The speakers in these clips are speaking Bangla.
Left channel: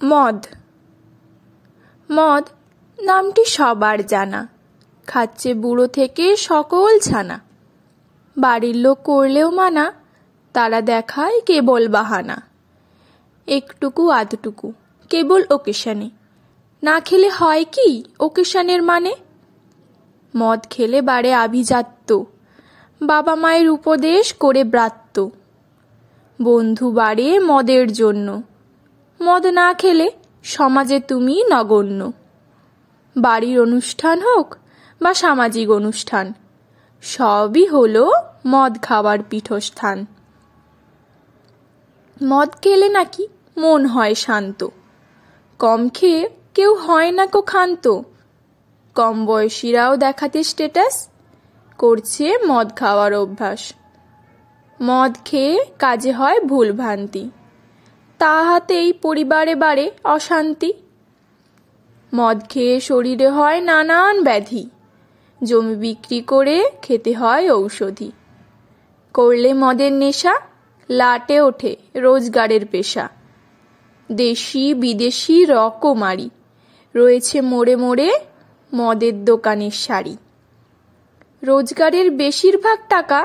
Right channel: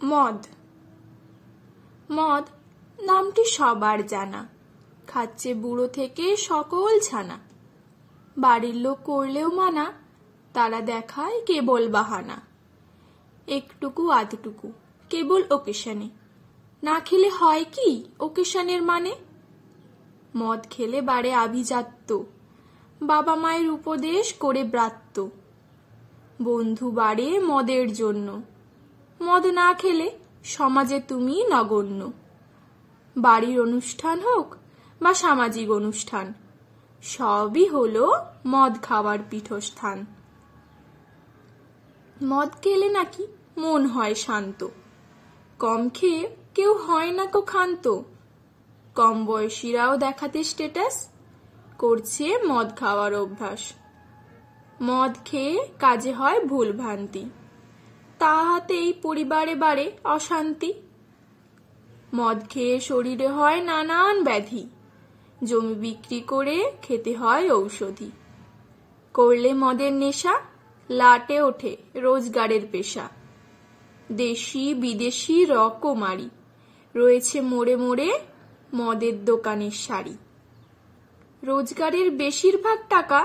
মদ। মদ নামটি সবার জানা, খাচ্ছে বুড়ো থেকে সকল ছানা। বাড়ির লোক করলেও মানা, তারা দেখায় কেবল বাহানা। একটুকু আধটুকু কেবল ওকেশনে, না খেলে হয় কি ওকেশনের মানে? মদ খেলে বাড়ে আভিজাত্য, বাবা মায়ের উপদেশ করে ব্রাত্য। বন্ধু বাড়ে মদের জন্য, মদ না খেলে সমাজে তুমি নগণ্য। বাড়ির অনুষ্ঠান হোক বা সামাজিক অনুষ্ঠান, সবই হলো মদ খাওয়ার পীঠস্থান। মদ খেলে নাকি মন হয় শান্ত, কম খেয়ে কেউ হয় না কো ক্ষান্ত। কম বয়সীরাও দেখাতে স্ট্যাটাস, করছে মদ খাওয়ার অভ্যাস। মদ খেয়ে কাজে হয় ভুলভ্রান্তি, তাহাতেই পরিবারে বাড়ে অশান্তি। মদ খেয়ে শরীরে হয় নানান ব্যাধি, জমি বিক্রি করে খেতে হয় ঔষধি। করলে মদের নেশা, লাটে ওঠে রোজগারের পেশা। দেশি বিদেশি রকমারি, রয়েছে মোড়ে মোড়ে মদের দোকানের সারি। রোজগারের বেশিরভাগ টাকা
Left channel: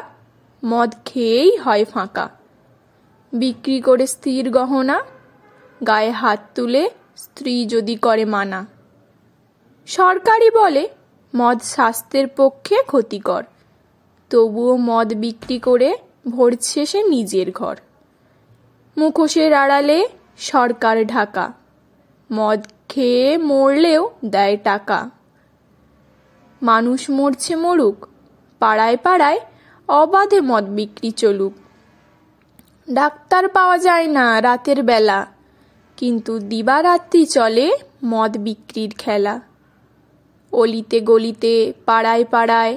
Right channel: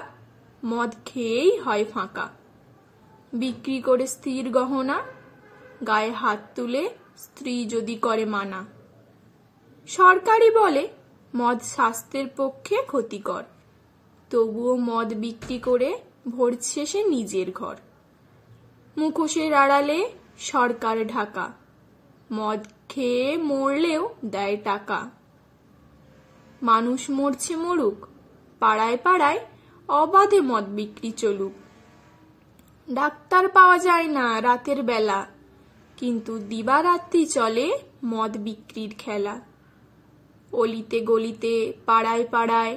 মদ খেয়েই হয় ফাঁকা। বিক্রি করে স্ত্রীর গহনা, গায়ে হাত তুলে স্ত্রী যদি করে মানা। সরকারই বলে মদ স্বাস্থ্যের পক্ষে ক্ষতিকর, তবুও মদ বিক্রি করে ভরছে সে নিজের ঘর। মুখোশের আড়ালে সরকার ঢাকা, মদ খেয়ে মরলেও দেয় টাকা। মানুষ মরছে মরুক, পাড়ায় পাড়ায় অবাধে মদ বিক্রি চলুক। ডাক্তার পাওয়া যায় না রাতের বেলা, কিন্তু দিবারাত্রি চলে মদ বিক্রির খেলা। অলিতে গলিতে পাড়ায় পাড়ায়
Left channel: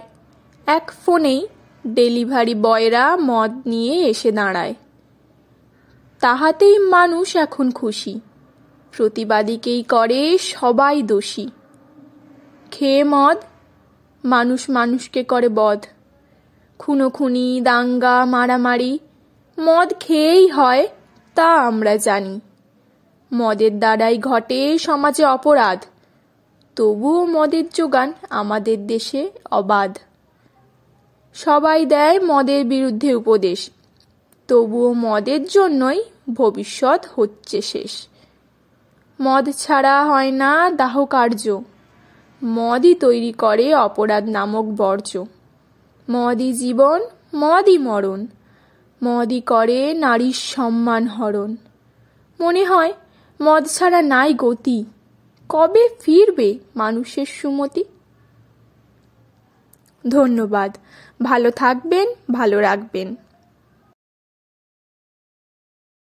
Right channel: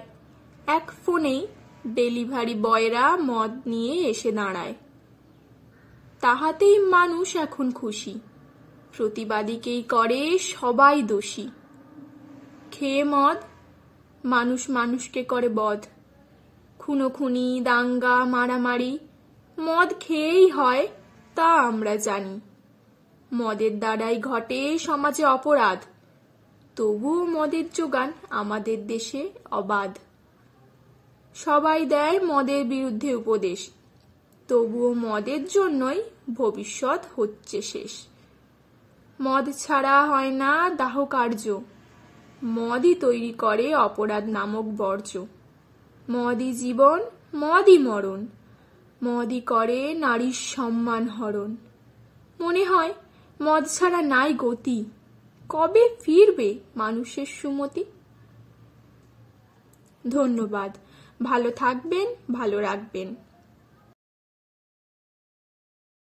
এক ফোনেই ডেলিভারি বয়রা মদ নিয়ে এসে দাঁড়ায়। তাহাতেই মানুষ এখন খুশি, প্রতিবাদীকেই করে সবাই দোষী। খেয়ে মদ মানুষ মানুষকে করে বধ, খুনোখুনি দাঙ্গা মারামারি মদ খেয়েই হয়, তা আমরা জানি। মদের দ্বারাই ঘটে সমাজে অপরাধ, তবুও মদের যোগান আমাদের দেশে অবাধ। সবাই দেয় মদের বিরুদ্ধে উপদেশ, তবুও মদের জন্যই ভবিষ্যৎ হচ্ছে শেষ। মদ ছাড়া হয় না দাহ কার্য, মদই তৈরি করে অপরাধ নামক বর্জ্য। মদই জীবন, মদই মরণ, মদই করে নারীর সম্মান হরণ। মনে হয় মদ ছাড়া নাই গতি, কবে ফিরবে মানুষের সুমতি? ধন্যবাদ। ভালো থাকবেন, ভালো রাখবেন।